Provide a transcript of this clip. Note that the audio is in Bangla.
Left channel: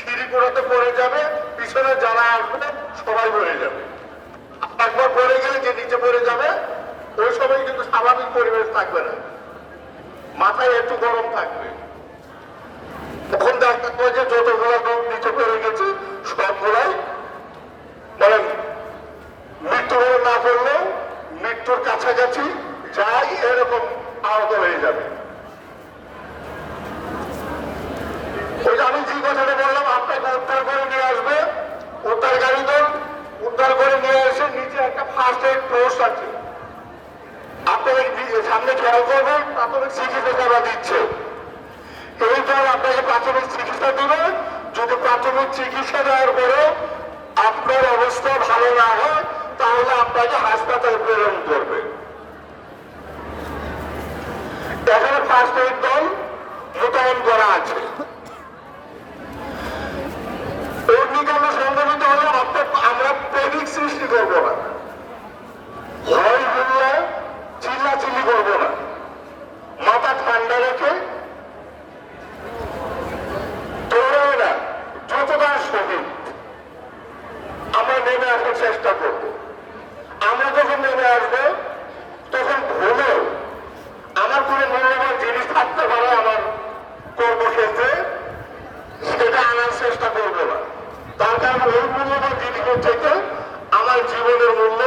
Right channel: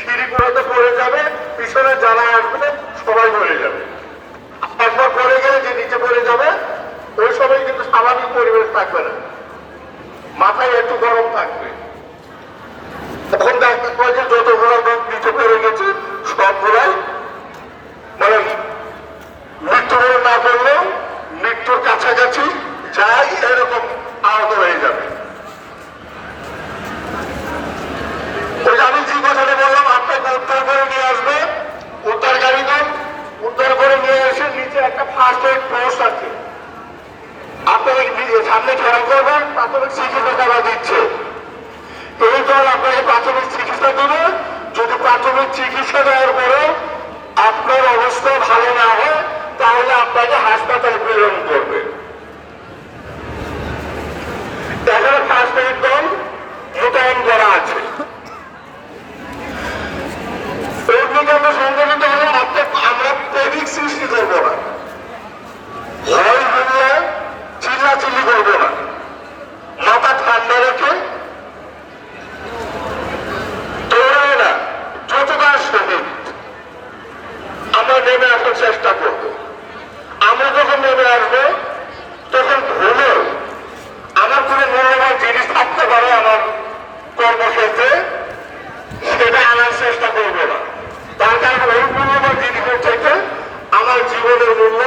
সিঁড়ি করে তো পড়ে যাবে, পিছনে যারা আসবে সবাই পড়ে যাবে। একবার পড়ে গেলে যে নিচে পড়ে যাবে ওই সময় কিন্তু স্বাভাবিক পরিবেশ থাকবে না, মাথায় একটু গরম থাকবে। তখন দেখতে পাওয়া যে যতগুলো লোক নিচে পড়ে গেছে সবগুলাই মানে মৃত্যুবরণ না করলেও মৃত্যুর কাছাকাছি যাই এরকম আহত হয়ে যাবে। ওই আমি যে কথাটা বললাম, আপনাকে উদ্ধার করে নিয়ে আসবে, উদ্ধার গাড়ি দেন, উদ্ধার করে নিয়ে এসে নিচে একটা ফার্স্ট এড পোস্ট আছে, আপনাকে সামনে খেয়াল করবেন প্রাথমিক চিকিৎসা তারা দিচ্ছে। এই দল আপনাকে প্রাথমিক চিকিৎসা দেবে। যদি প্রাথমিক চিকিৎসা দেওয়ার পরে আপনার অবস্থা ভালো না হয় তাহলে আপনাকে হাসপাতাল প্রেরণ করবে। এখানে ফার্স্ট এড দল মোতায়েন করা আছে। অগ্নিকাণ্ড সংঘটিত হলে আমরা প্রেডিক সৃষ্টি করবো না, হয় হলে চিল্লাচিল্লি করবো না, মাথা ঠান্ডা রেখে দৌড়াবে না, যতটা সঠিক আমরা নেমে আসার চেষ্টা করব। আমরা যখন নেমে আসবো তখন ভুলেও আমার কোনো মূল্যবান জিনিস থাকতে পারে আমার কর্মক্ষেত্রে, সেটা আনার চেষ্টা করবো না। তার কারণ ওই মূল্যবান জিনিসের থেকে আমার জীবনের মূল্য